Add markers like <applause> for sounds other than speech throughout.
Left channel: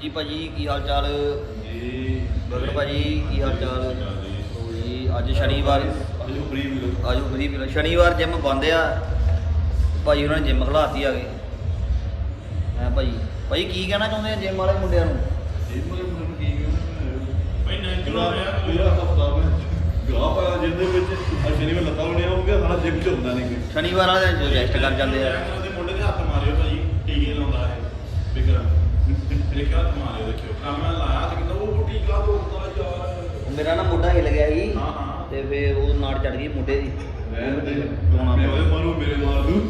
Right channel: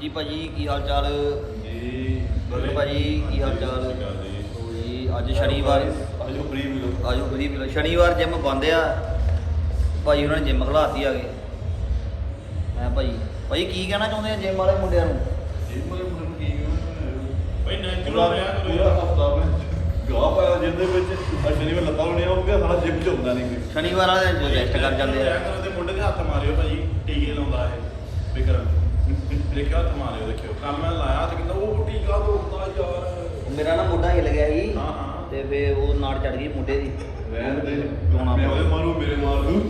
ਜੀ ਭਾਜੀ ਕੀ ਹਾਲ ਚਾਲ? ਜੀ ਬੋਲੇ ਭਾਜੀ ਕੀ ਹਾਲ ਚਾਲ? ਜੀ ਅੱਜ ਸ਼ਨੀਵਾਰ। ਆਜੋ ਪ੍ਰੀ ਮਿਲੋ। ਅੱਜ ਫਰੀ ਸ਼ਨੀਵਾਰ ਜਿਮ ਬੰਦ ਆ। ਭਾਜੀ ਉਹਨਾਂ ਨੇ ਜਿਮ ਖਲਾਤੀ ਆ ਗਏ ਹੈ ਭਾਜੀ? ਭਾਜੀ ਕੀ ਕਹਿਣਾ ਚਾਹੁੰਦੇ ਆ ਜਿਮ ਵਾਲੇ ਮੁੰਡਿਆਂ ਨੂੰ? ਜੀ ਮਗਰ ਮੈਨੂੰ ਕੀ ਭਾਈ ਨੈਚੁਰਲ ਰਿਹਾ ਪੂਰਾ ਹਫਤਾ ਮੈਂ ਗਾਹ ਪਾਇਆ ਜਿੰਦੇ ਵਿੱਚ। ਅੱਜ ਸ਼ਨੀਵਾਰ ਲੱਤਾਂ ਹੋਣੀਆਂ ਹੋਊਗਾ ਸਾਡਾ ਜਿਮ ਚ ਹੁੰਦਾ ਨਹੀਂ ਕੋਈ ਸ਼ਨੀਵਾਰ ਵਾਲੇ ਦਿਨ ਰੈਸਟ ਕਰ ਜਾਂਦੇ ਆ ਦੇ ਮੁੰਡੇ ਦੇ ਹੱਥ ਮਾਰਿਓ ਭਾਈ ਟੀਕੇ ਲਾਉਂਦਾ ਹੈ ਵਿਕਰਮ ਦੇਖਿਆ ਹੱਥ ਮਾਰਿਓ ਦੇਖਿਓ ਕੱਲ ਮੈਂ ਲਾਇਆ ਤੇ ਕਹਿੰਦਾ ਉਹ ਟੀਕਾ ਲਾਉਂਦਾ ਯਾਰ ਮੇਰਾ ਨਾ ਮੁੰਡਾ ਹਿੱਲ ਗਿਆ ਸੀ ਹਾਂ, ਹਾਂ। ਤੇ ਫੇ ਉਹ ਨਾੜ ਚੜ ਗਈ ਮੁੰਡੇ ਦੀ ਮੈਂ ਤੇ ਮੈਂ ਉਹਦੇ ਮਾਰੂ ਮੇਰੇ ਮਾਰ ਦੂੰ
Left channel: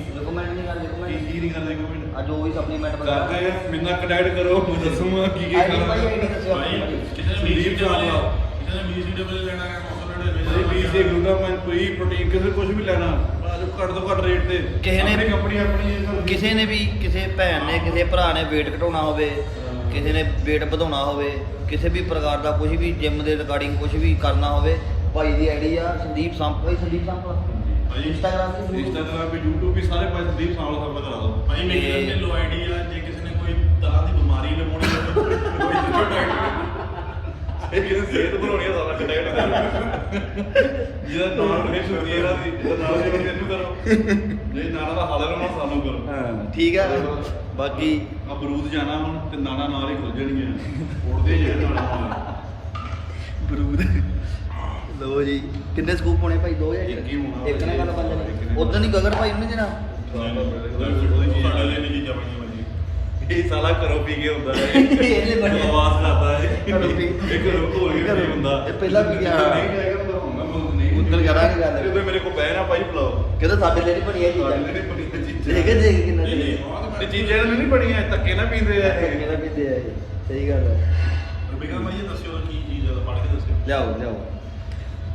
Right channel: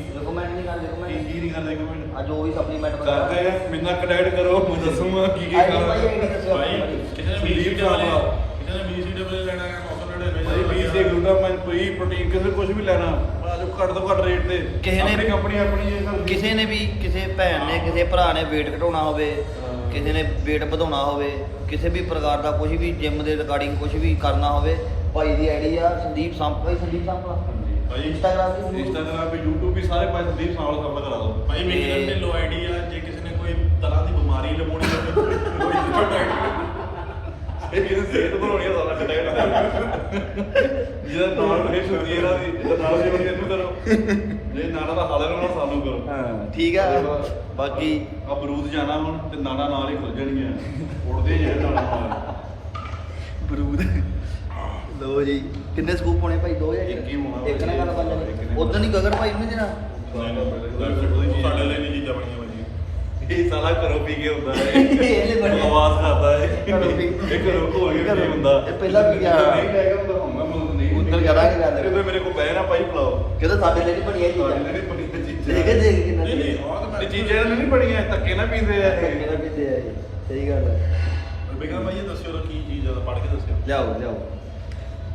ਕੀ ਕਰਦੇ ਸਪਲੀਮੈਂਟ ਕਰਦੇ ਆ ਕਰੋ ਮੈਂ ਦੱਸੂਗਾ ਕੀ ਕੀ ਕਿਸੇ ਨੇ ਸੰਦੀਪ ਚਾਵਲਾ। ਭਾਈ ਬੀਜ ਗਲੂਟਾਮਾਈਨ ਕੋਈ ਪ੍ਰੋਟੀਨ ਕਿਸੇ ਕੁਝ ਵੀ ਲੈਣਾ। ਆਜੋ ਘੱਟ ਤੋਂ ਘੱਟ ਰੇਟ ਤੇ। ਕਿਸੇ ਨੇ- ਆਪਣੀ ਕੰਪਨੀ ਆਪਣੀ ਇਹ ਕੰਮ ਕਿਸੇ ਨੇ ਵੀ ਕਿਸੇ ਭੈਣ ਨੇ ਕਿਸੇ ਭਰਾ ਨੇ weight ਘਟਾਉਣਾ ਹੋਵੇ ਕਿਸੇ ਨੇ weight ਵਧਾਉਣਾ ਹੋਵੇ ਕਿਸੇ ਵੀ ਪ੍ਰਕਾਰ ਦਾ ਕੁਝ ਵੀ ਜਿਮ ਦੇ ਰਿਗਾਰਡਿੰਗ ਕੁਝ ਵੀ ਕਰਨਾ ਹੋਵੇ ਭਾਈ ਦੀ ਆਈਡੀ ਆ ਸੰਦੀਪ ਸੰਪ ਭਾਈ ਸੰਦੀਪ ਸੰਪ ਭਾਈ ਇੰਸਟਾਗ੍ਰਾਮ ਤੇ ਇੰਸਟਾਗ੍ਰਾਮ ਤੇ YouTube ਵੀ ਸਾਰੇ ਪਾਸੇ ਸੰਦੀਪ ਸਾਲ ਦਾ ਕਰਾ ਦੋ। ਭਾਈ ਮੇਰੀ ਇਹ ਤੇ ਲੋ ਆਈਡੀ ਆ ਜੇ ਕਿਸੇ ਨੇ ਕੋਈ ਤਰ੍ਹਾਂ ਦੀ ਬਿਮਾਰੀ ਲਵਾਉਣੀ ਹੋਵੇ ਕੋਈ ਇਹ ਕਿਸੇ ਸਿਹਤ ਬਣਾਉਣੀ ਆ ਸਾਡਾ ਕਨੈਕਟ ਜਿਹਦਾ ਨਾਮ ਇਹ ਸੁਣੀ ਇਹਦਾ ਦੀ ਇਹਦਾ ਨਾਮ ਜੀ ਇਹਨੂੰ ਕਰੋ। ਇਹ ਨਾਨਾ ਦਾ ਹਾਲੇ ਨੂੰ ਸਾਨੂੰ ਕਰੋ। ਹਾਂ ਠੀਕ ਆ। ਬਾਕੀ ਆ ਬਰੂਦ ਜਾਣਾ ਹੁਣ ਤੇ ਨਾਨਾ ਨਾਲ ਹੀ ਖੁੱਲ ਜਾਣਗੇ ਉੜਦੇ ਨਾਨਾ ਨਾਲ ਬਰੂਦ। ਲੋ ਜੀ ਕਿੰਨੇ ਸਕੂਪ ਹੋਣੇ ਭਾਈ? ਦੋ ਜਾਂ ਇੱਕ ਹੀ ਹੋਣਾ ਇੱਕ ਨਾ ਗੱਲ ਇੱਕ ਨੇ। ਉਦੋਂ ਨਹੀਂ ਗਗਨ ਭਾਈ ਨਹੀਂ ਦੇਣਾ ਸਾਡੇ ਲਈ ਨਹੀਂ ਚੀਜ਼ਾਂ ਬਣੀਆਂ ਹੋਈਆਂ ਇਹ ਸਾਲਾ ਕਰੋ ਪੀ ਕੇ ਹੁੰਦਾ ਹੈ। ਇਹਨੇ ਬਣਿਆ। ਆਵਾਜ਼ ਕਰਦਾ ਹੈ। ਇਹ ਕਰੋ ਹੋ ਗਿਆ ਨਹੀਂ ਹੁੰਦਾ। ਇਹ ਪਹਿਲਾਂ ਵੀ ਗਿਆ। ਨਹੀਂ ਜਾਏਗਾ ਹੁੰਦਾ ਹੁੰਦਾ ਮੈਂ ਨਹੀਂ। ਉੱਧਰ ਕਰਾਂਗੇ ਰਾਤ ਕਿਉਂਕਿ ਮੇਰੇ ਕੋਲ ਬਹਿ ਨਾ ਭਾਈ ਪਲਾਓ ਚਲੋ ਸਾਡੇ ਲਈ ਬਣੀ ਇਹ ਸਾਡੇ ਨਹੀਂ ਬਣੀ ਤੇ ਠੀਕ ਚੀਜ਼ਾਂ। ਹੈ ਦੇਖ ਕਿੰਨਾ ਨਹੀਂ ਨਹੀਂ ਇਹ ਮੈਂ ਚੀਜ਼ਾਂ ਨਹੀਂ ਬਣੀਆਂ ਧੱਕੇ ਨਾ ਪੀਂਦੇ ਆ ਇਹ। ਹੈ ਜੀ। ਸਹੀ ਗੱਲ ਹੈ ਬਿਗਮ ਭਾਈ ਦੱਸਿਓ ਕੀ ਚੀਜ਼ ਆ ਪੜ੍ਹ ਕੇ ਦੱਸਿਓ। ਲਿਆਓ ਲਿਆਓ।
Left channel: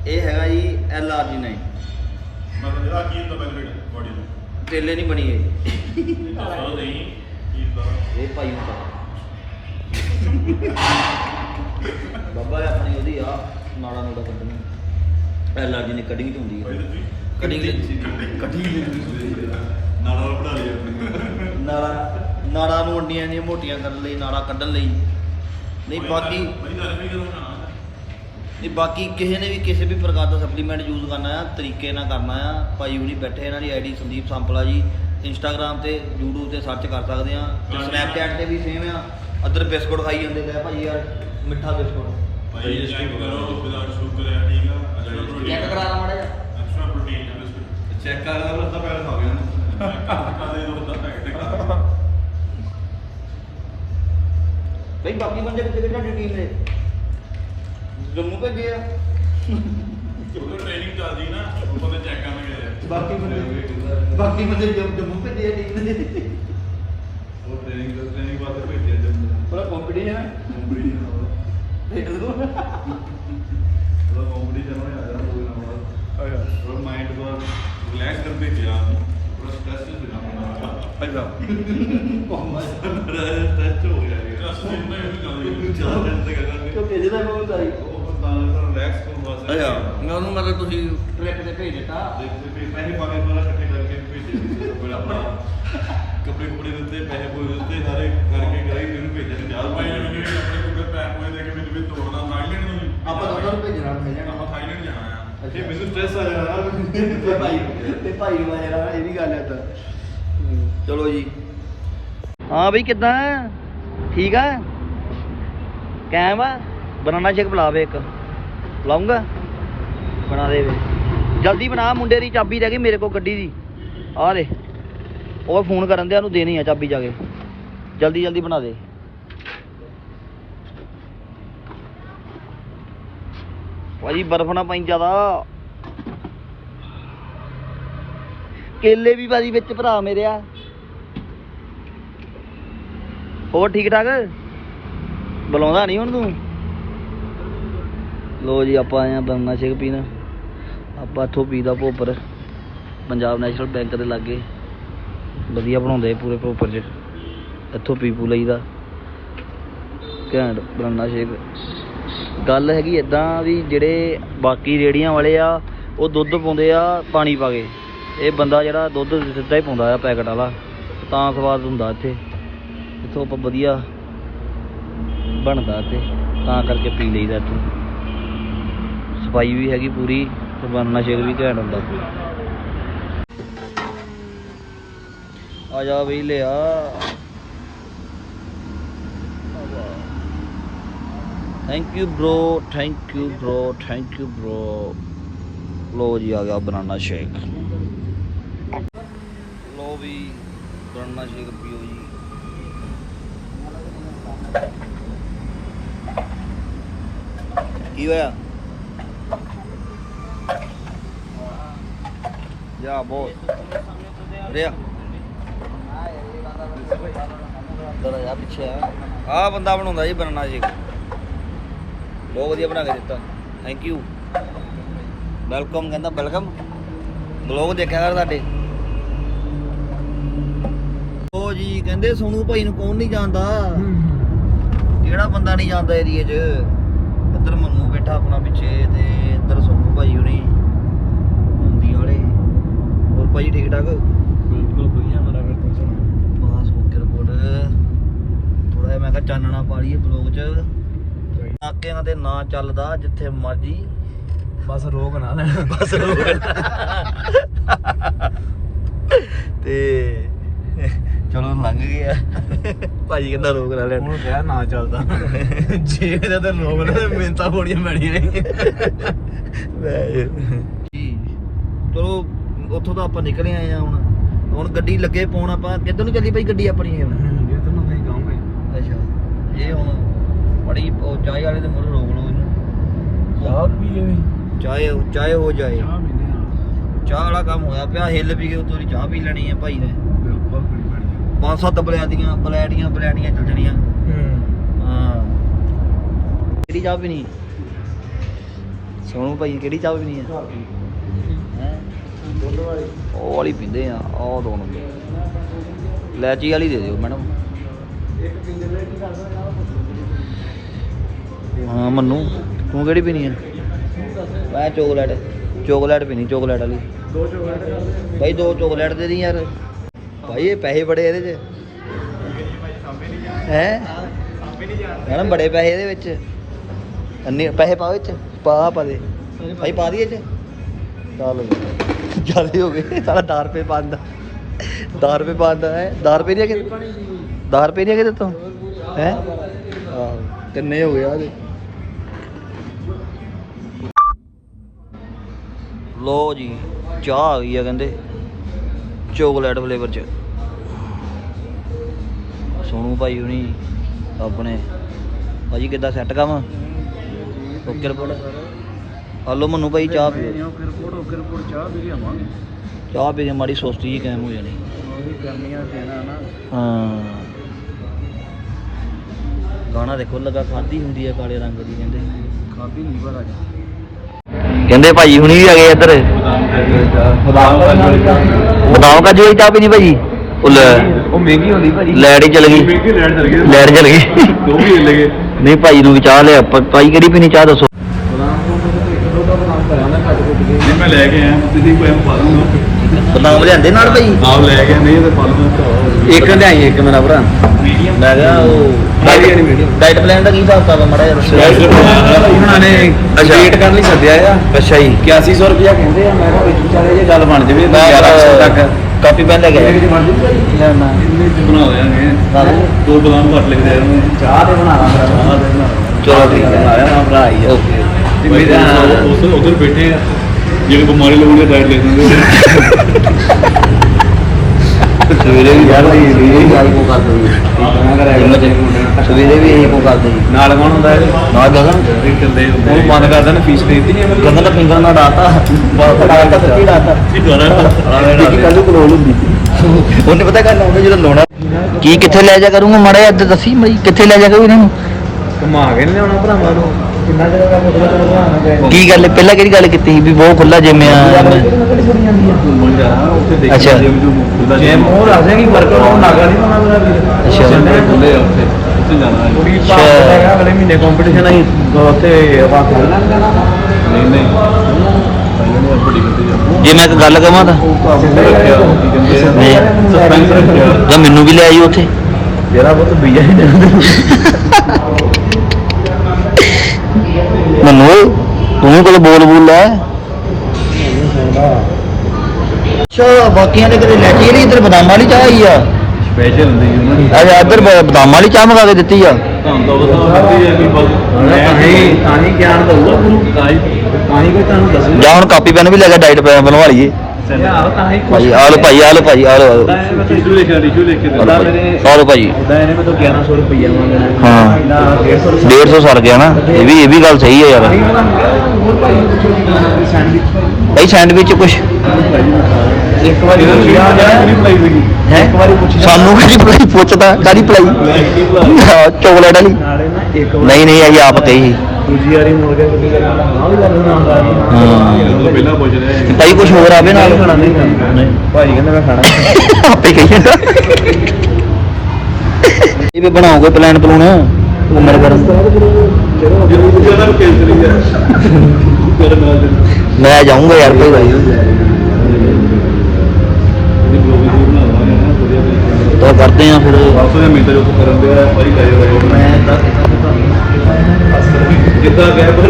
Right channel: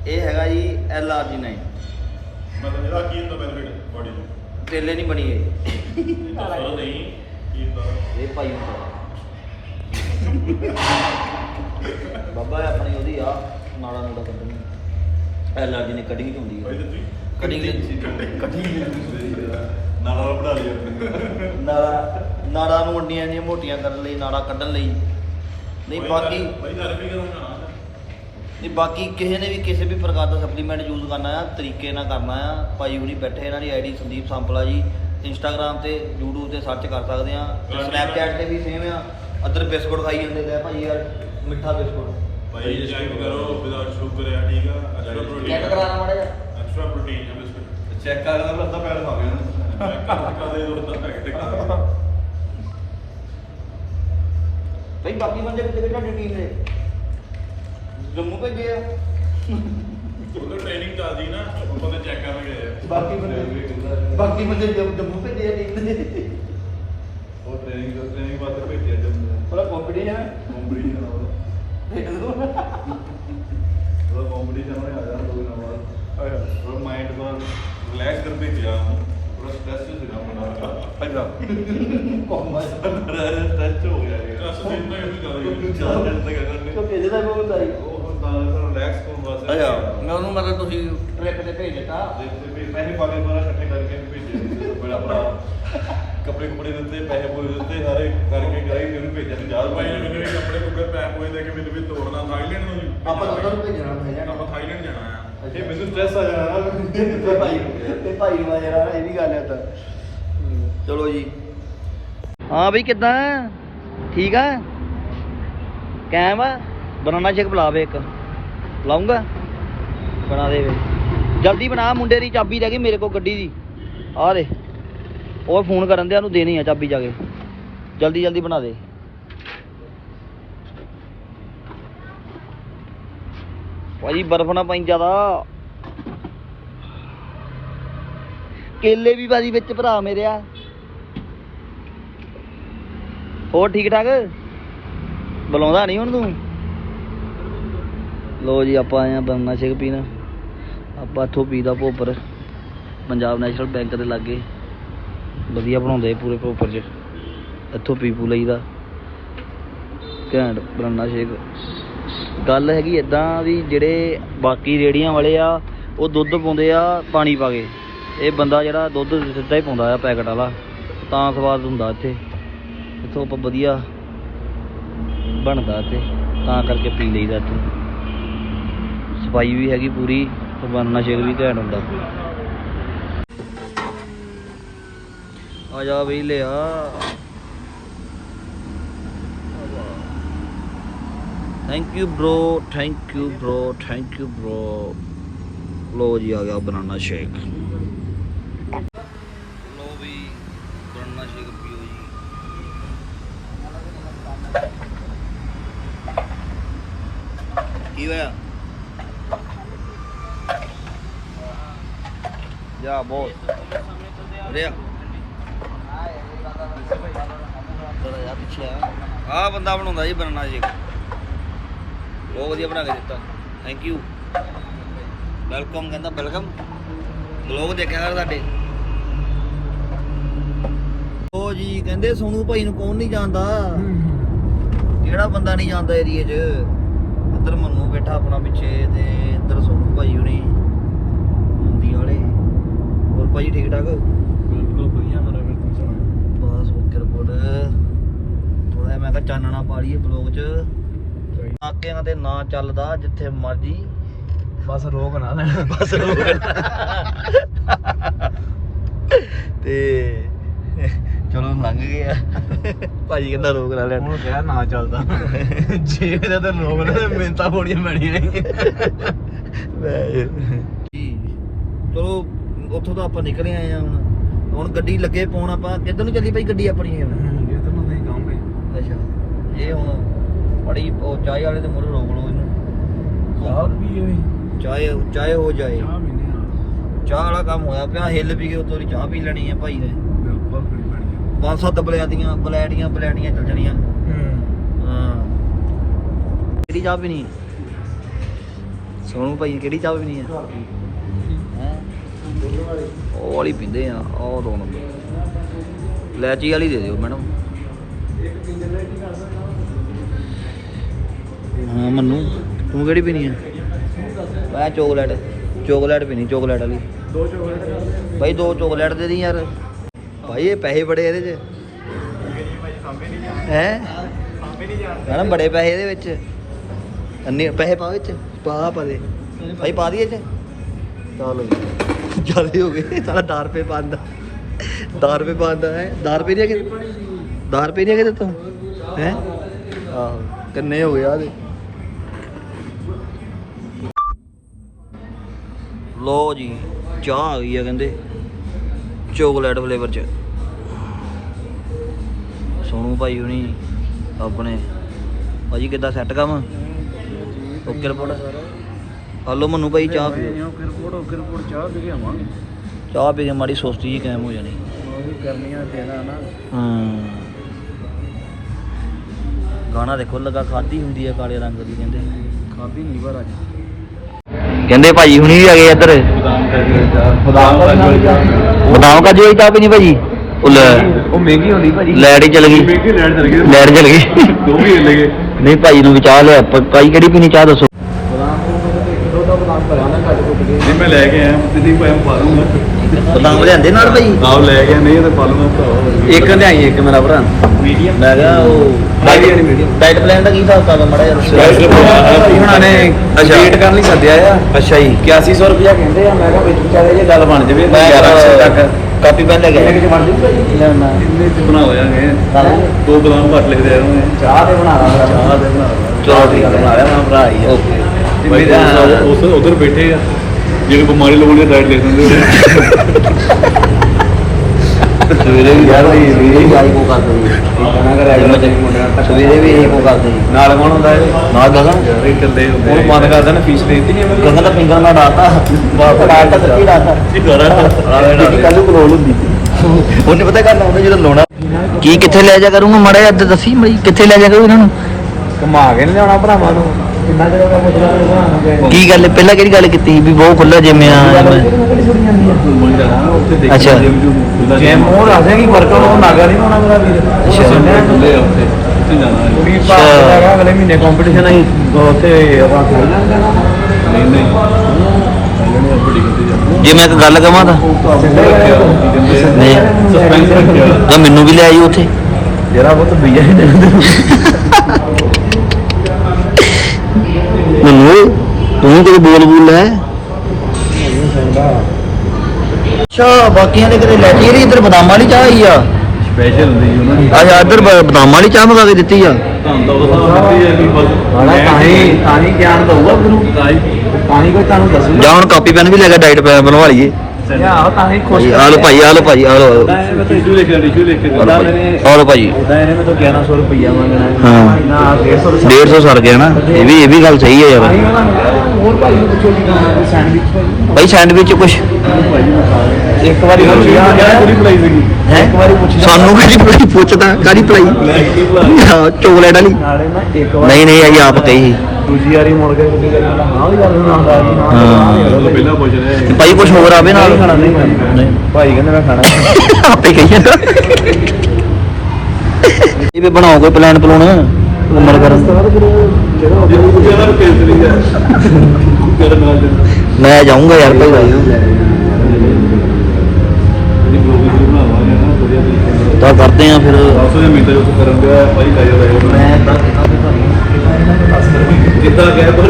ਇਹ ਹੈਗਾ ਜੀ ਐਲ ਆਰ ਜੀ 9 ਮਤਲਬ ਇਹਦਾ ਕੀ ਹੁੰਦਾ ਬੈਨੀਫਿਟ ਬੋਡੀ ਦਾ ਤੇਲੇ ਨਹੀਂ ਬਣੀ ਇਹ ਦੱਸੋ ਨਹੀਂ ਕੀ ਹੁੰਦਾ ਇਹ ਭਾਈ ਹੁੰਦਾ ਬਾਬਾ ਆਪਣੀ ਉਹਦੀ ਆ ਨਾੜਾ ਨੂੜਾ ਕੱਢਣੀ। ਐਲ ਆਰ ਜੀ ਨੇ ਕਟਿੰਗ ਚ ਹੁੰਦੀ ਆ। ਕਟਿੰਗ ਕਟਿੰਗ ਨਾਲ ਬਣਾ ਲਿਆ ਆਪਣੇ। ਨਾੜਾ ਨਾੜਾ ਨੂੰ ਵੱਡੀਆਂ ਦੀਆਂ ਮੋਟੀਆਂ ਕਰਨ ਲਈ ਨਾੜਾ ਕੱਢਣ ਲਈ। ਨਹੀਂ ਬਾਕੀ ਵੀ ਕਰਨਾ ਨਹੀਂ ਬਾਕੀ ਕਿਸੇ ਨੇ ਵੀ ਕਿਸੇ ਵੀ ਪ੍ਰਕਾਰ ਦਾ ਸਪਲੀਮੈਂਟ ਯੂਜ਼ ਕਰਨਾ ਆ ਤਰੀਕੇ ਨਾਲ ਕਰਨਾ ਆ। ਭਾਈ ਹੁਣੀ ਬੈਠੇ ਇਹਨਾਂ ਦੀ ਆਈਡੀ ਸੰਦੀਪ ਸੰਪਲਾ ਜੀ ਇੰਸਟਾਗ੍ਰam ਤੇ YouTube ਤੇ ਸਰਚ ਕਰ ਸਕਦੇ ਆ। ਤੇ ਸਨੈਪਚੈਟ ਤੇ ਵੀ ਸੇਮ ਆ। ਅਦਰ ਬਿਸਕੁਟ ਖਾਈ ਜਾਂਦੇ ਗਏ ਭਾਈ ਯਾਰ ਮਿੱਠਾ ਬਿਸਕੁਟ। ਭਾਈ ਇਹ ਚੈੱਕ ਕਰੋ ਵਿਦਆਊਟ ਸ਼ੂਗਰ ਹੈ ਠੀਕ ਆ। ਚੈੱਕ ਕਰਾਣਾ ਮਾੜਾ ਜਿਹਾ। ਅੱਛਾ ਪ੍ਰੋਟੀਨ ਬਿਸਕੁਟ। ਚੈੱਕ ਕਰਦਾ ਮੈਂ ਅੱਧਾ ਪੈਰ ਖਾ ਗਿਆ। ਭਾਈ ਬਾਕੀ ਬੰਦੇ ਕਿੱਥੇ ਕਿੱਥੇ ਤੁਹਾਡੀ ਟੀਮ ਦੇ ਜੰਮੂ ਭੇਜੇ ਆ। ਉਹ ਟ੍ਰੇਨਿੰਗ ਚੱਲਦੀ ਨਾ ਉਹ ਬੰਦੇ ਚੈੱਕ ਕਰਨਗੇ ਬਾਕੀ ਬੰਦੇ ਬਾਕੀ ਬੰਦੇ ਜੰਮ- ਜੰਮੂ ਭੇਜੇ ਆ ਟੀਮ ਦੇ ਉਹ ਟ੍ਰੇਨਿੰਗ ਦਾ ਟ੍ਰੇਨਿੰਗ ਵਾਸਤੇ ਭੇਜਿਆ ਜੰਮੂ ਪੂਰਾ ਕੰਪੀਟੀਸ਼ਨ ਕੰਪੀਟੀਸ਼ਨ ਉਹਦਾ ਦੋ ਕੰਪੀਟੀਸ਼ਨ ਹੋਇਆ ਆ ਦੋ ਦਿਨਾਂ ਬਾਅਦ। ਥੋੜਾ ਮਾਈਂਡ ਥੋੜਾ ਰਿਲੈਕਸ ਕਰ ਭੇਜਿਆ ਥੋੜਾ ਸਟ੍ਰੈਸ ਸੀ ਨਾ ਮਨਾ ਅੱਛਾ। ਸਟ੍ਰੈਸ ਹੋ ਗਿਆ ਯਾਰ ਦਸ ਦਿਨ ਮੈਂ ਵੀ ਕਰ ਰਹੀ ਚਾਰ ਦਿਨ ਤੱਕ ਕਰਨੇ ਕਿਉਂ ਭੇਜੇ ਦਾ ਕੋਈ ਹੁੰਦਾ ਉਹ ਤਾਂ ਰਿਲੈਕਸ ਹੋਣ ਵਾਸਤੇ ਅੱਛਾ। ਮੈਂ ਉਹਨੂੰ ਮਤਲਬ ਤੁਸੀਂ ਟ੍ਰਿਪ ਤੇ ਭੇਜ ਦਿੱਤਾ। ਤੇ ਫਿਰ ਮੈਂ ਹੀ ਬਾਕੀ ਸਾਰਾ ਇਕੱਠੇ ਕਰਕੇ ਭੇਜਿਆ ਪਹਿਲਾਂ ਆਪਣਾ ਕੱਪੜੇ ਕੁਪੜੇ ਦਿੱਤੇ ਪੈਸੇ ਪੂਰੇ ਦਿੱਤੇ ਸਾਰੇ ਕਰਕੇ ਗਏ ਫਿਰ ਉਹਨੂੰ ਭੇਜਿਆ ਤੇ ਜਾਲ ਭਾਈ ਨੇ ਮੇਰੇ ਕੱਪੜੇ ਕੁਪੜੇ ਪੈਕ ਹੋਏ ਦੇ ਕੇ ਮੈਨੂੰ ਵੀ ਤੋੜਨਾ ਥਾਈਲੈਂਡ ਨੂੰ ਆਪਾਂ ਨੂੰ ਭੇਜਣਾ ਪਹਿਲਾਂ ਆਪਾਂ ਥਾਈਲੈਂਡ ਜਾਣਾ ਹੈ ਇਹ ਮੈਨੂੰ ਸਟ੍ਰੈਸ ਆ ਜਾਣਾ ਤੇ ਭਾਈ ਨੂੰ ਤੇ ਭਾਈ ਨੂੰ ਆ ਇਹ ਵੀ ਗੱਲ ਹੈ ਤਾਂ। ਚਲੋ ਜੀ। ਹਾਂ ਬਈ ਕਿੱਦਾਂ? ਠੀਕ ਆ? ਕੈਮ ਆ? ਬਨਾਨਾ ਸ਼ੇਕ ਬੁਲਾਵੇ ਇੱਕ। ਲਾਉਂਗਾ ਬਣਾ ਦੇ ਵੇ ਜਲਦੀ ਬਣਾ, ਮੁੰਡੇ ਦੀ ਚਾਬੀ ਰਹਿ ਗਈ ਮੇਰੇ ਕੋਲ ਗੱਡੀ ਦੀ। ਆ ਦੇ। ਉਹ ਫੋਨ ਕਰਨ ਦੇ ਉਹਨੂੰ ਦੇਣੀ ਆ ਚਾਬੀ ਜਾ ਕੇ। ਜਲਦੀ ਜਲਦੀ ਬਣਾ ਦੇ। ਭਾਜੀ ਬਰਫ ਨਾ ਪਾਈ ਜ਼ਿਆਦਾ। ਕੇਲੇ ਵੀ ਭਾਜੀ ਵਿੱਚ ਭਰਾ ਮੇਰੇ ਆ। ਹੋਰ ਠੀਕ ਠਾਕ ਬੁਲਾਉਂਦਾ ਨਹੀਂ ਹੁਣ ਤੂੰ? ਲੋ ਜੀ, ਆਪਾਂ ਆਏ ਆ ਬਨਾਨਾ ਸ਼ੇਕ ਪੀਣ। ਆਪਾਂ ਇੱਥੋਂ ਪੀਦਾ ਭੋਪਰ, ਪੰਜਾਬ ਨੈਸ਼ਨਲ ਬੈਂਕ ਦੇ ਲਾਗੇ। ਵਧੀਆ ਬਣਾਉਂਦੇ ਪੂਰੇ ਭੋਪਰ ਚ। ਇੱਥੋਂ ਪੀ ਪੀਪੂ ਲਈਦਾ। ਘੈਂਟ ਬਨਾਨਾ ਸ਼ੇਕ। ਗੱਲ ਹੈਗੀ ਇਦਾਂ ਵੀ ਜਿਹੜੇ ਬਾਕੀ ਰੇੜੀਆਂ ਵਾਲੇ ਆ, ਉਹ ਦੁੱਧ ਪਾਉਂਦੇ ਆ, ਪਾਣੀ ਪਾ ਕੇ। ਇਹ ਬੰਦਾ ਜਿਹੜਾ ਦੁੱਧ ਸਿੱਧਾ ਹੀ ਪਾਉਂਦਾ ਆ, ਪੈਕਟ ਵਾਲਾ। ਤਾਂ ਸਵਾਦ ਹੁੰਦਾ ਇੱਥੇ। ਇੱਥੋਂ ਆਪਾਂ ਵਧੀਆ ਬਣਦਾ ਇੱਥੇ। ਤਾਂ ਕਰਕੇ ਪੀ ਲਈਦਾ ਇੱਥੋਂ। ਸਫ਼ਾਈ ਵੀ ਹੈਗੀ ਪੂਰੀ, ਤੇ ਬਨਾਨਾ ਸ਼ੇਕ ਵੀ ਘੈਂਟ ਹੁੰਦਾ ਆ ਜਾ ਬਈ ਲਿਆ thank you bro thank you bro thank you bro ਲੋ ਜੀ, ਆ ਗਿਆ ਬਨਾਨਾ ਸ਼ੇਕ। ਲੋ ਵੀ ਬਨਾਨਾ ਸ਼ੇਕ ਪੀਓ ਜੀ। ਕੀ ਹੋਇਆ? ਜਾ ਬੋਸ ਰਿਆ ਜਰਾ ਯਾਰ ਪਿੱਛੇ ਆ। ਆ ਬੰਦਾ ਬਣਾਉਂਦਾ ਜੀ ਬਨਾਨਾ ਸ਼ੇਕ ਬਹੁਤ ਵਧੀਆ ਬਣਾ ਕੇ ਦਿੱਤਾ। ਥੈਂਕ ਯੂ ਵੈਲਕਮ ਕਹਿੰਦਾ ਵੈਲਕਮ ਬਲੌਗ ਦੇਖਿਆ ਕਰ ਤੁਹਾਡੇ ਉਹ ਜੀ ਕਹਿੰਦੇ ਸੋਨੂ ਭਾਈ ਨੂੰ ਕੌਣ ਨਹੀਂ ਜਾਣਦਾ? ਕਿਹੜਾ ਬੰਦਾ ਨਹੀਂ ਜਾਣਦਾ ਏਰੀਏ 'ਚ? ਇੱਧਰ ਮਨੂ ਬੈਠਾ ਆਪਣਾ ਪਿੱਛੇ ਤੇ ਇੱਧਰ ਸੋਨੂ ਭਾਈ ਹੁਣੀ ਹੁੰਦੀ ਵਾਲੇ ਭਾਈ ਠੀਕ ਠਾਕ? ਬਸ ਓਕੇ ਰਿਪੋਰਟ। ਥੋੜਾ ਜਿਹਾ ਮੈਂ ਕਿਹਾ ਚਾਨਣਾ ਪਾ ਲਈਏ ਬਲੌਗ 'ਚ। ਨਾਕਿਆਂ ਤੇ ਨਾਂ ਚੱਲਦਾ ਜਿੱਥੇ ਮਰਜ਼ੀ। ਬਸ ਰੋ ਬਣਾ ਲੈ। <laughs> ਬਸ ਰੋਕ ਤੇ ਚਲੋ ਲੰਘ ਗਿਆ ਭਾਜੀ ਕਹਿੰਦਾ ਰੋਕ ਲੈ। ਲੈ ਕਹਿ ਨਾ ਚੱਲਦਾ। ਜੇ ਇਹਦੇ ਤੇ ਰੋ ਬਣਾ ਮਿੰਤਾ ਬੋੜੀਆਂ ਬੜੀਆਂ ਚਲੋ ਉੱਥੋਂ ਤਾਂ ਆਪਾਂ ਨਿਕਲੇ ਆਏ ਆ ਹੁਣ। ਹੁਣ ਗੱਡੀ ਲੱਗੇ ਪਾਉਣ ਆਪਾਂ ਕਿੱਧਰ ਨੂੰ ਚੱਲੀ ਪਈ ਗੱਡੀ ਆਪਣੀ ਹੁਣ? ਅੱਛਾ ਇਹ ਹੁਣ ਬੜੀ ਉਹ ਚਾਹ ਵਾਲੇ ਦੇ ਮੂਹਰੇ ਰੋਕ ਲਓ ਇਹਨੂੰ। ਸਾਹ ਵੀ ਐਵੇਂ ਚਾਹੇ ਚਾਹੇ ਹੋ ਜਾਏ। ਚਾਹ ਵਾਲਾ ਕੰਮ ਹੋਇਆ ਪਿਆ ਹਿੱਲ ਵੀ ਕੇ ਉਤੋਂ ਦੀ ਚਾਹ ਪੀ ਲੈਣੀ ਹੈ ਭਾਈ ਨੇ। ਪੰਜ ਸੱਤ ਬਲੈਦੀਆਂ ਬਲੈਡੀਆਂ ਬਲੈਡੀਆਂ ਚੁੱਟਣੀਆਂ ਹਾਂ। ਕਿਹੜੀ ਚਾਹ ਪੀਣੀ? ਸੋਨੂੰ ਭਾਈ ਕਿਹੜੀ ਚਾਹ ਪੀਣੀ ਹੈ? ਉਹ ਵਾਲੀ ਪੀਂਦੇ ਆ ਉਹ ਦੋਨੋਂ ਲੈਚੀ ਵਾਲੀ ਦੇ ਦਿਓ ਮੈਡਮ। ਹਾਂ, ਮੰਨੂ, ਤੂੰ ਕਿਹੜੀ ਪੀਣੀ ਹੈ ਮੈਂ ਚੋਕਲੇਟ ਚੋਕਲੇਟ ਪੀਣੀ, ਚੋਕਲੇਟ ਵਾਲੀ। ਦੋ ਚੋਗਲ ਭਾਈ ਦੋ ਚੋਕਲੇਟ ਦੇ ਦੀ ਯਾਰ। ਭਾਈ ਇਹ ਪੈਸੇ ਬੜੇ ਇਹਦੇ 'ਚ। ਹੈ? ਮੈਡਮ, ਬੜੇ ਪੈਸੇ ਇਹਦੇ ਵਿੱਚ। ਅੰਨੇ ਪੈਸੇ ਪਾ ਵਿੱਚ, ਪਾ ਪਾ ਦੇ। ਭਾਈ ਪਾ ਦੀ ਚ। ਚੱਲ। ਜਿਆਦੇ ਹੋ ਗਏ। ਸਾਰਾ 10 ਰੁਪਏ ਬੰਦ 10 ਰੁਪਏ ਬੰਦ ਹੈ। 10 ਰੁਪਏ ਦੀ ਕਿ 10 ਰੁਪਏ ਦੀ ਕਿ ਦਿੱਤੋਂ ਹੈ? ਆਹ। ਕਿੰਨੇ ਹੋ ਗਏ ਆ ਦੇ ਲੋ ਜੀ, ਚਾਹ ਆ ਗਈ ਆ ਕਹਿੰਦੇ। ਚੋਕਲੇਟ ਫਲੇਵਰ ਚ। ਸੋਨੂ ਭਾਈ ਹੁਣੀ, ਆਪਣੇ। ਭਾਜੀ ਕਿੱਦਾਂ ਸੈੱਟ ਕੰਮ? ਓਕੇ ਰਿਪੋਰਟ ਹਲੋ ਮਨੂੰ ਭਾਈ ਚਾਹ ਪੀਓ। ਚਾਹ ਪੀ ਕੇ ਮਾੜੀ ਸੁਸਤੀ ਜੀ ਕਾਇਮ ਹੋ ਜਾਣੀ। ਹਾਂ। ਗਾਣਾ ਦੇਖੋ ਲੱਗਾ ਖਾਦੀ ਹੁੰਦੀ ਹੈ ਕਾਲੇ ਰੰਗ ਦੀ ਕਹਿੰਦੇ। ਨਹੀਂ ਕਹਿੰਦੇ ਭਾਈ ਹੁਣੀ ਵੀ ਆ ਗਏ ਇੱਧਰ। ਬਦਾਮ ਕਾਜੂ ਵਾਲੀ ਚਾਹ ਪੀਣੀ ਭਾਜੀ ਉਹ ਮਹਿੰਗੀ ਹੋਣੀ ਭਾਜੀ ਲੈਟ ਹੀ ਚਲ ਗਈ। ਮਹਿੰਗੀ ਲੈਣ ਚਲ ਗਏ ਲੈਟ ਚਲ ਗਈ। ਦੋ ਵੀ ਲੈ ਗਏ। ਨਹੀਂ ਭਾਈ ਨੂੰ ਵੀ ਚਾਹ ਲਿਆ ਭਾਈ ਕਿਹੜੀ ਪੀਣੀ ਚਾਹ ਦੱਸੋ ਬਦਾਮ ਉਹ ਦੋ ਦੋ ਬਦਾਮ ਕਰਾਣਾ ਕੱਟ ਨਹੀਂ ਮੈਂ ਲੈ ਕੇ ਆਇਆ ਤੇ ਨਹੀਂ ਪਾਇਆ ਪਾ ਦੂੰਗਾ ਲਿਆਂਦੇ ਨਹੀਂ ਭਾਈ ਆਪ ਲੈ ਗਿਆ ਨਹੀਂ ਤੇ ਪਾ ਦੂੰਗਾ ਇੱਕ ਲਿਆਈ ਇੱਕ ਮੇਰਾ ਭਰਾ। ਮੈਂ ਡਾਈਟ ਪਲਾਨ ਦਾ ਕੀ ਹਿਸਾਬ ਕਿਤਾਬ ਹੈ ਉਹਨਾਂ ਨੇ? ਵੇਟ ਕਰਨ ਲਈ ਸੱਦਿਆ ਆ। ਅੱਛਾ ਜੀ। 8100 ਰੁਪਇਆ ਕਹਿੰਦੇ ਆ। ਮੈਂ ਕਿਹਾ ਵਿੱਚ ਚਾਲੇ ਜੇ ਗੱਲ ਬਣ ਜਾਵੇ ਤਾਂ 1100 ਤੱਕ। ਕਾਪੀ ਪੈਨ ਲੈ ਕੇ ਆਇਆ। ਕਿੰਨੇ ਚ ਬਣਾ ਲਿਆਂਗੇ ਦੋ ਬਦਾਮ ਘੱਟ ਲਿਖਦੇ ਆ ਚਾਹ ਦੇ ਬਣਾ ਲਾ ਮੇਰਾ ਚਾਹ ਦੇ ਬਣਾ ਲਾ। ਚਲੋ ਠੀਕ ਹੈ। ਬਣਾ ਲਿਆ ਮੈਂ ਭਰਾ ਹੀ ਆ। ਓਕੇ। ਮੇਰਾ ਉਸ ਉਧਰ ਬੈਠੇ ਆ। ਜਿਹੜੇ ਬਿਮਾਰੀ ਲੋਕਾਂ ਦੇ ਲਾਈਟ ਦੇ ਦਿੰਦੇ ਸਵੇਰੇ ਵੀ ਯਾਰ ਇਹ ਵੀ ਇਹ ਜਾਈ ਕੋ ਕਰਦੇ ਸਵੇਰੇ ਵੀ ਇਹ ਕੋ ਕਰਦੇ ਨਾਲ ਕੌਣ ਹੁੰਦਾ ਹੈ ਨਾ ਗਗਾ ਇਹ ਚੱਲਦੇ ਹੁੰਦੇ ਉਹ ਬੰਦ ਕਰ ਦੇਣ ਫੀਸ ਦੇ ਦਿੱਤੀ ਹੈ ਮੈਨੂੰ ਗਗਾ ਦਾ ਫਿੰਗਰ ਨਾਲ ਡਾਤਾ। ਡਾਤਾ ਤੇ ਕੀ ਡਾਤਾ? ਕੀ ਕੱਲੂ ਕਰੋੜ ਹੁੰਦੀ। ਉਹਨੇ ਪਤਾ ਗੱਲ ਆਉਂਦਾ ਜਦੋਂ ਲਾਉਣਾ ਕੀ ਕਿੱਥੇ ਲੈ ਜਾ ਕਰੂੰਗਾ ਮੜਾ ਇੱਧਰ ਦੱਸੀ ਮੜੀ ਕਿੱਥੇ ਲੈ ਜਾ ਕਰੂ ਇਹਨਾਂ ਨੂੰ? ਕਮਾ ਕੇ ਨਹੀਂ ਜਾਣਾ ਭਰਾਵਾਂ ਨੂੰ। ਕਿੰਨਾ ਜਿਹੜਾ ਕੰਮ ਮਤਲਬ ਬਣਾਉਣਾ ਚਾਹੀਦਾ ਕੀ ਗੱਲ ਹੈ? ਪਹਿਲਾਂ ਕਿਹੜੀ ਗੱਲ ਕੀਤੀ ਸੀ ਵੀ ਬਹੁਤ ਖੁੱਲਾ ਜਿਵੇਂ ਆ ਮੈਂ ਨਾ ਉੱਥੇ ਦੇਖਿਆ ਅੱਛਾ। ਜਿਮ ਜੂ ਜਿਮ ਕੋਲ ਆਖਦੇ ਨਹੀਂ ਵਰਕਰ ਉਹ ਨਾਗਾ ਨਹੀਂ ਹੋਣਾ ਉਹਦਾ ਅੱਛਾ। ਸੰਡੇ ਉੱਥੇ ਉੱਥੇ ਜਾਣਾ ਹੈ। ਅੱਛਾ। ਅਗਲੇ ਮਹੀਨੇ ਕੰਪੀਟੀਸ਼ਨ ਆਈ ਉੱਥੇ ਆਪਾਂ ਖੇਡ ਲਾਂਗੇ ਨਾ ਨਹੀਂ ਨਹੀਂ। ਪਹਿਲਾਂ ਨਹੀਂ ਬੜੀ ਕਰਦੇ ਜੇ ਮੈਂ ਇੱਕ ਗੱਲ ਕਹਾਂ ਤਾਂ। ਸਸਪੈਂਸ ਰੱਖਿਆ ਜਾਂ ਮੈਨੂੰ ਵੀ ਲਿਆਈ ਉੱਥੇ। ਜਿਹੜਾ ਉਹ ਤਾਂ ਬਈਆ ਹੀ ਮੈਨੂੰ ਤੂੰ ਵੀ ਕੁਝ ਬੋਲ ਬੋਲ ਲੈ ਅੱਛਾ ਬਾਕੀਆਂ ਨੇ ਕਿਤੇ ਲੈਟੀ ਲਈ? ਇੱਧਰ ਬਦਾਮਾਂ ਵਾਲੀ ਚਾਹ ਆਈ ਆ। ਸਪੈਸ਼ਲ ਹੁੰਦੀ ਸੀ ਉਹਨਾਂ ਦੀ। ਅੱਜ ਇੱਧਰ ਬ- ਬਦਾਮਾਂ ਵਾਲੀ ਚਾਹ ਮੰਗਾ ਕੇ ਦਿੱਤੀ ਆ। ਤੁਹਾਨੂੰ ਤਾਂ ਉਹ ਤਾਂ ਦਿੱਤੀ ਹੈ ਕਿ ਬਸ। ਤਾਂ ਹੀ ਤਾਂ ਹੀ ਗਿਆਨ ਦਊਗਾ ਤੁਹਾਨੂੰ ਤਾਂ ਹੀ। ਤਾਂ ਹੀ ਕੋਈ ਤੁਹਾਨੂੰ ਦੱਸੂਗਾ। ਜਾਂ ਹੁਣ ਕਾਪੀ ਪੈਨ ਵੀ ਲੈ ਕੇ ਡਾਈਟ ਪਲਾਨ ਬਣਵਾ ਲਈਏ। ਆਹੋ ਤਾਂ ਹੀ ਭਾਈ ਆ ਲੋ ਭਾਈ ਆ ਲੋ ਭਾਈ ਆ ਲੋ ਟਿਸ਼ੂ ਲੈ ਕੇ ਟਿਸ਼ੂ ਲੈ ਕੇ ਆ ਲੋ ਦਿੰਦਾ ਭਾਈ ਆ ਲੋ ਭਾਈ। ਉਦਾਂ ਇਹਨੇ ਕੋਲ 1100 ਰੁਪਈਆ ਮੰਗਣਾ। ਹਾਂ। ਨਾ 150 150 ਸੜ ਗਿਆ ਨਾ। ਇਹ ਵੀ ਇਹ ਵੀ ਗੱਲ ਸਹੀ ਹੈ ਯਾਰ ਭਾਈ ਸੈਂਡਵਿਚ ਕੁਛ। ਇੱਕ ਵਾਰੀ ਪੁੱਛਿਆ ਹੈ? ਸਾਨੂੰ ਕਿਹੜੀ ਪਲਾਈ ਪੁੱਛਦਾ? ਕਾਦੀ ਪਲਾਈ ਹਾਂ ਚੋਕਲੇਟ ਵਾਲੀ। ਨਾਲੇ ਨਾ ਇੱਕ ਵਾਰ ਨਹੀਂ ਨਹੀਂ ਆਈ ਆਪ ਕਹੀ ਦੂਜੀ ਵਾਰੀ ਮੁੜ ਕੇ ਕਿਤੇ ਕਹਿੰਦਾ ਹਾਂ ਵੀ ਗੱਲ ਹਾਂ। ਪਹਿਲਾਂ ਪੁੱਛ ਰਿਹਾ ਭਾਈ ਕੁਛ ਹੋਰ ਆਵੇ ਨਾਲ? ਭਾਈ ਕਹਿੰਦਾ ਮੈਂ ਖਾਣਾ <laughs> ਆਪੇ ਕਹੀ ਜਾਂਦਾ। ਇਹ ਵੀ ਬਣਾਓ ਕੋਈ ਪਲਾਨ ਪਲੂਨ ਘੁੰਮਣ ਕਰਨ। ਤਾਂ ਹੀ। ਮੈਂ ਜਾਊਂਗਾ ਯਾਰ ਭਾਈ। ਦਾ ਕਰਦੇ ਆ ਫਿਰ। ਦੇ ਦੇ ਜਿੱਦਾਂ ਗਿਆ ਪਰ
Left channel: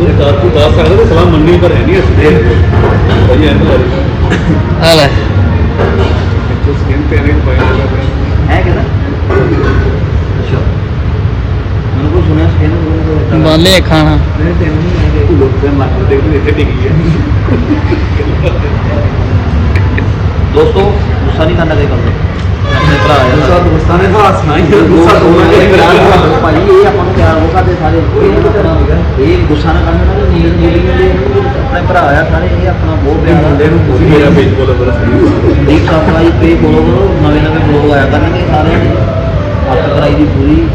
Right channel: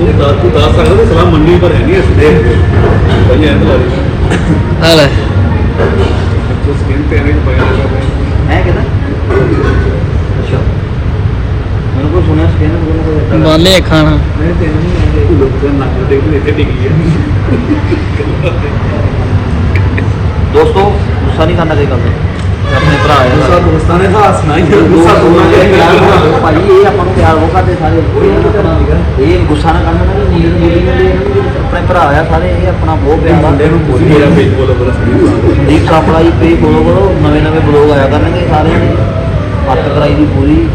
ਉਹ ਦੱਸ ਤੂੰ ਦੱਸ ਸਕਦਾ ਸਲਾਹ ਮੰਨੀ ਪਰ ਹੈ ਨਹੀਂ ਅਸੀਂ ਭਾਈ ਐਂ ਬੁਲਾ ਰਹੀ ਆ ਲੈ। ਪਿੱਛੇ ਸਕੀਨ ਤੇ ਐਵੇਂ ਪਾਇਆ ਲੱਗਾ ਹੈ ਕਿਦਾਂ? ਮੈਨੂੰ ਕੋਈ ਸੁਣਿਆ ਕੋਈ ਬਾਲੇ ਖਾਣਾ। ਨਹੀਂ ਤੈਨੂੰ ਨਹੀਂ ਲੋਕਾਂ ਨੱਕ ਦੇਖ ਕੇ ਇੱਥੇ ਡਿੱਗੀ ਹੈ ਦੋਸਤੋ ਗੁੱਸਾ ਨਹੀਂ ਕਰਨਾ ਚਾਹੀਦਾ। ਆਪਣੇ ਭਰਾ ਨੂੰ। ਗੁੱਸਾ ਦੋਸਤਾਂ ਨੇ ਹੱਸਣਾ ਹੀ ਗੁੱਸਾ ਦੋਨਾਂ ਦੇ ਭਾਈ ਇਹ ਆਪਾਂ ਨੂੰ ਪਿਆਰ ਉਹ ਕਰਦੇ ਸਾਰੇ ਕੋਈ ਇਹ ਗੁੱਸਾ ਨਾ ਕਰਨਾ ਨਾ ਨੀਲ ਨੀਲ ਆਪਣੇ ਭਰਾ ਆ ਸਾਰੇ ਇਹ ਆਪਣਾ ਬਹੁਤ ਪਿਆਰ ਮੁੰਡੇ ਨੂੰ ਪੁੱਛ ਮੇਰਾ ਪੇਜ ਫੋਲੋ ਕਰੋ ਸਹੀ ਇੱਕ ਆਪਣਾ ਹੀ ਪੇ ਫੋਲੋ ਕਰੋ ਨਵੇਂ ਨਵੇਂ ਬਲੌਗ ਆਇਆ ਕਰਨਗੇ ਸਾਰੇ। ਹੱਥ ਕਰਾਈ ਦੀ ਪੂਰੀ।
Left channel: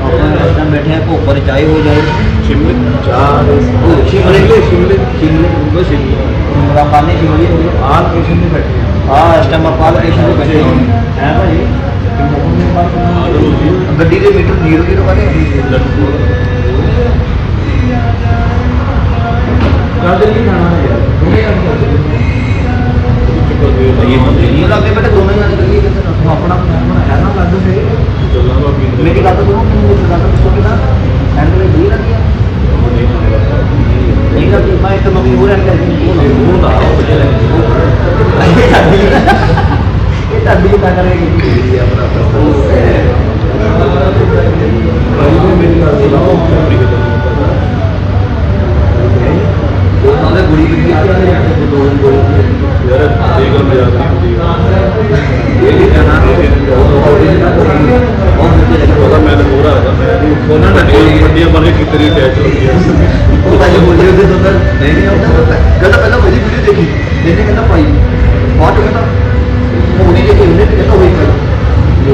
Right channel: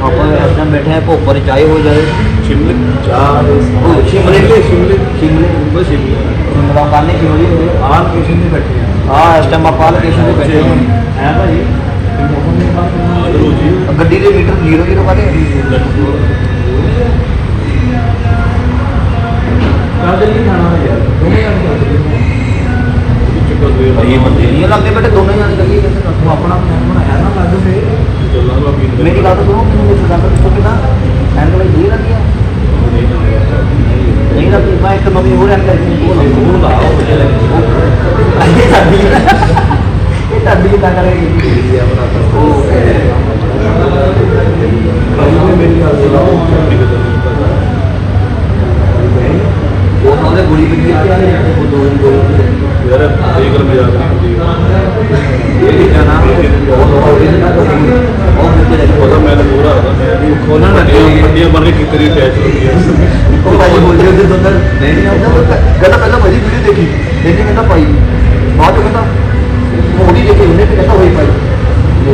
ਆਪਾਂ ਟਾਈਮ ਬੈਠੇ ਭੋਪਰ ਚਾਹੇ ਹੋ ਜਾਏ ਸ਼ਿਮਲੇ ਚਾਹ ਉਹ ਸ਼ਿਮਲੇ ਸ਼ਿਮਲੇ ਸ਼ਿਮਲੇ ਸ਼ਿਮਲੇ ਬਸ ਸ਼ਿਮਲੇ। ਮੁੰਡਾ ਪਾਣੇ ਸ਼ਿਮਲੇ ਹੋਈ ਆਹ ਕੁਸ਼ਨ ਨਹੀਂ ਬੈਠੇ ਆ। ਆ ਇਸ ਟਾਈਮ ਆਪਾਂ ਲੋਕੇਸ਼ਨ ਤੇ ਬੈਠੇ ਹੋਏ ਹੈ ਭਾਈ ਆਦਰੋ ਜੀ? ਗੱਡੀ ਦੇ ਮੀਟਰ ਜ਼ੀਰੋ ਦੀ ਲਗਾ ਦੇ ਕਾਹਦੇ ਲਈ ਖਾਣਾ ਹੋ ਗਿਆ ਦੋਨੇ ਕੰਮ ਕਰਦੇ ਚੱਕਰ ਦੇ ਇਹ ਅੱਗੇ ਮੈਂ ਦੋਨੋਂ ਜਣੇ ਗੱਡੀ ਵਿੱਚ ਤੂੰ ਆਪਣਾ ਆਪਣਾ ਹੈ ਨਾ ਲੱਗਦਾ ਸੀ ਚੱਲਾਂ ਦਾ ਪੀਣ ਮੇਰੀ ਗੱਲ ਤਾਂ ਸੁਣੋ, ਮੈਨੂੰ ਇਹ ਗੱਲ ਦੱਸੋ ਕਿ ਨਾ ਐਂਡ ਵਾਲੀ ਜੀ ਨਹੀਂ ਨਾ ਮੈਂ ਇੱਕ ਮੰਮੀ ਹੋ ਜਾਂਦਾ ਸੀ ਉਹ ਉਹ ਦਾ ਉਹ ਜਿਹੜਾ ਇਹ ਸਾਡੀ ਇਹ ਸਾਡੀ ਤਾਂ ਕਰੇਗੀ ਉਹ ਮੇਰੀ ਗੱਲ ਸੁਣੋ ਉਹ ਤਾਂ ਉਹਦੇ ਗੁੜੀ ਦੀ ਆ ਉਹ ਦੋ ਦਿਨ ਕੋਲ ਯਾਰ ਇਹ ਗੱਲ ਮਜ਼ਾਕ ਨਹੀਂ ਹੁੰਦੀ ਇਹ ਵੀ ਜਨਾ ਉਹ ਉਹ ਵੀ ਨਾ ਕਰੀ ਉਹ ਵੀ ਉਹਦਾ ਮੈਂ ਤਾਂ ਪੂਰਾ ਹੈਗਾ ਮੈਂ ਵੀ ਉਹਨਾਂ ਨੇ ਵੱਡੀਆਂ ਬਣ ਕੇ ਕੀਤੀ ਰਹੀ ਅਟੈਚ ਹੁੰਦੀ ਹੈ ਉਹ ਭਾਈ ਬੋਲ ਰਹੇ ਸੀ ਤਾਂ ਨਹੀਂ ਨਹੀਂ ਆਉਂਦਾ। ਕਹਿੰਦਾ ਪਹਿਲਾਂ ਮੇਰੀ ਵੀਡੀਓ ਦੇਖੀ। ਦੇਖੀ ਕਹਿੰਦਾ ਪਾਈ ਬਾਅਦ ਚ ਕਹਿੰਦਾ ਥੋੜੀ ਜਿਹੀ ਇਹਨੇ ਤੇ ਕਹਿੰਦਾ ਹੋਈ ਪਾਈ ਜੀ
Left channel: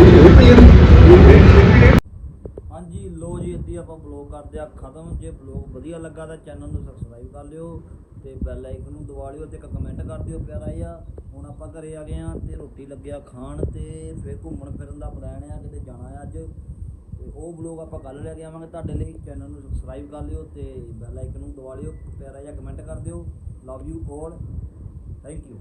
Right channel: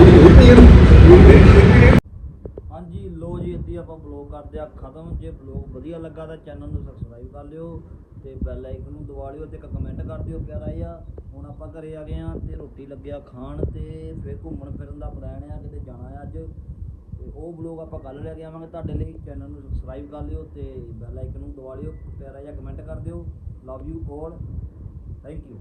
ਇੱਦੀ ਆਪਾਂ ਬਲੌਗ ਕਰਦੇ ਆ ਖਤਮ ਜੇ ਬਲੌਗ ਵਧੀਆ ਲੱਗਾ ਤਾਂ ਚੈਨਲ ਨੂੰ ਸਬਸਕ੍ਰਾਈਬ ਕਰ ਲਿਓ ਤੇ ਬੈਲ ਆਈਕਨ ਨੂੰ ਦਬਾ ਲਿਓ ਤੇ ਇੱਕ ਕਮੈਂਟ ਕਰ ਦਿਓ ਪਿਆਰਾ ਜਿਹਾ। ਹੁਣ ਆਪਾਂ ਘਰੇ ਆ ਗਏ ਆ ਤੇ ਰੋਟੀ ਲੱਗਿਆ ਖਾਣ ਤੇ ਫਿਰ ਘੁੰਮਣ ਫਿਰਨ ਦਾ ਪਲਾਨ ਆ, ਕਿਤੇ ਜਾਣਾ ਆ ਅੱਜ। ਤੇ ਉਹ ਬਲੌਗ ਆਪਾਂ ਕੱਲ ਲੈ ਕੇ ਆਵਾਂਗੇ ਤੁਹਾਡੇ ਲਈ ਚੈਨਲ ਨੂੰ ਸਬਸਕ੍ਰਾਈਬ ਕਰ ਲਿਓ ਤੇ ਬੈਲ ਆਈਕਨ ਨੂੰ ਦਬਾ ਲਿਓ, ਪਿਆਰਾ ਜਿਹਾ ਕਮੈਂਟ ਕਰ ਦਿਓ। Love you all thank you